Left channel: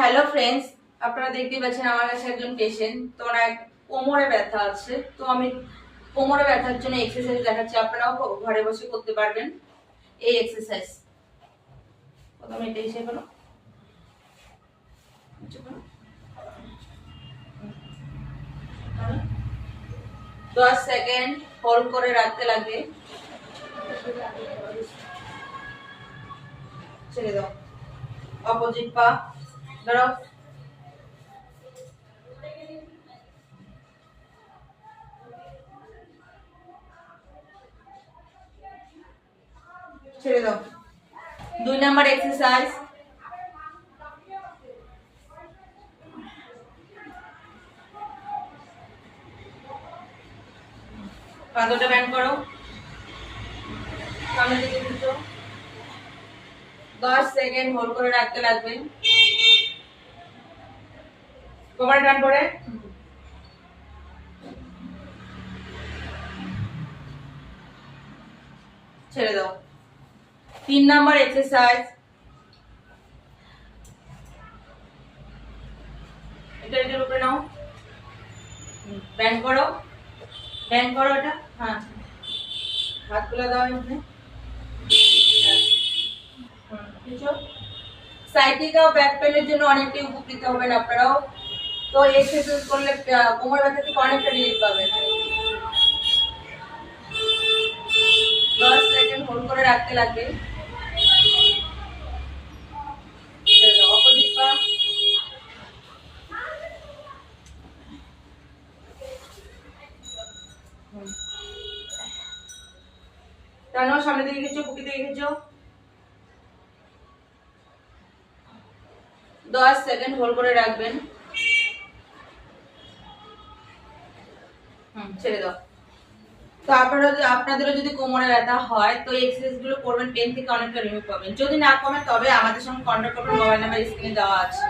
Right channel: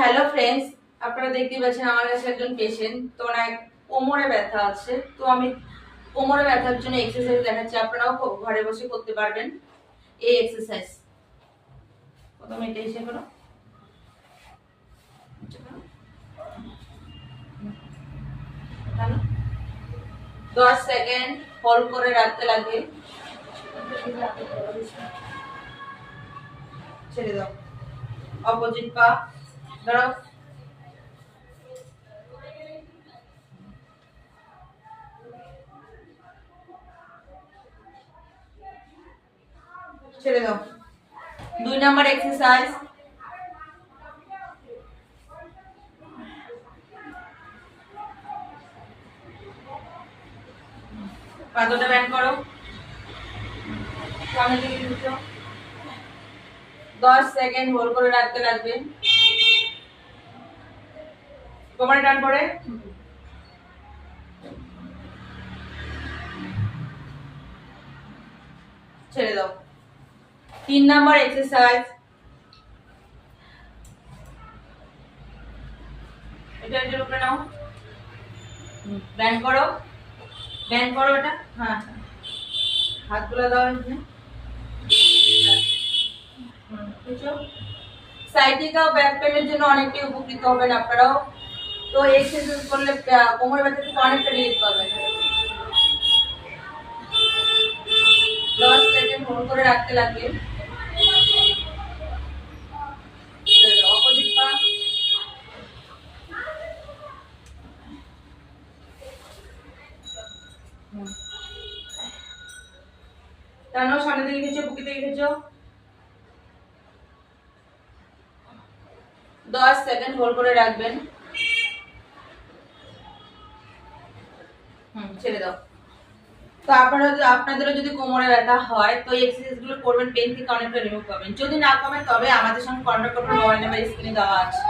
Hello friends, আপনারা দেখতেই পাচ্ছেন আমার কাছে একজন পেশেন্ট। তো ওনার কোমরে ব্যথা আছে। তো আমি কোমরে ব্যথার জন্য এক্সারসাইজ দেখাচ্ছি, আপনারাও ঘরে বসে করতে পারবেন এই এক্সারসাইজ। প্রথমে এটা এসে করো, 10 সেকেন্ড হোল্ড করে রাখতে লাগে, ছেড়ে দাও। অপোজিট পা ধরো, ছেড়ে দাও। 2 নাম্বার এক্সারসাইজ, পা দুটো ব্যান্ড করো, সামনে দিকে ঘুরছো, 10 সেকেন্ড হোল্ড করে রাখতে লাগবে। কোমরে টান পড়ে, ছেড়ে দাও। 3 নাম্বার এক্সারসাইজ, এটা এটার উপরে নাও, ব্যান্ড করো, ব্যান্ড করো এটা। হ্যাঁ, হাতগুলো দাও এখানে। সাইটিকা ও ব্যাক পেনের জন্য অনেকটাই উপকৃত হবেন আপনারাও। তো এক্সারসাইজ করলে কোমর ব্যথা থেকে অনেকটা রিলিফ পাবেন। 10 সেকেন্ড হোল্ড করে রাখতে লাগবে। অপোজিট পা, টানো, সামনের দিকে খেঁচো, বুকের দিকে খেঁচো। 10 সেকেন্ড হোল্ড করে রাখবেন। ছেড়ে দাও। তো আপনাদেরও যদি কোমরে ব্যথা হয় তো এই এক্সারসাইজ গুলো করবেন, পেন থেকে অনেকটা রিমুভ পাবেন। যদি না কমে তবে আমাদের সঙ্গে কন্ট্যাক্ট করবেন, মোবাইল নাম্বার স্ক্রিনে দেওয়া আছে।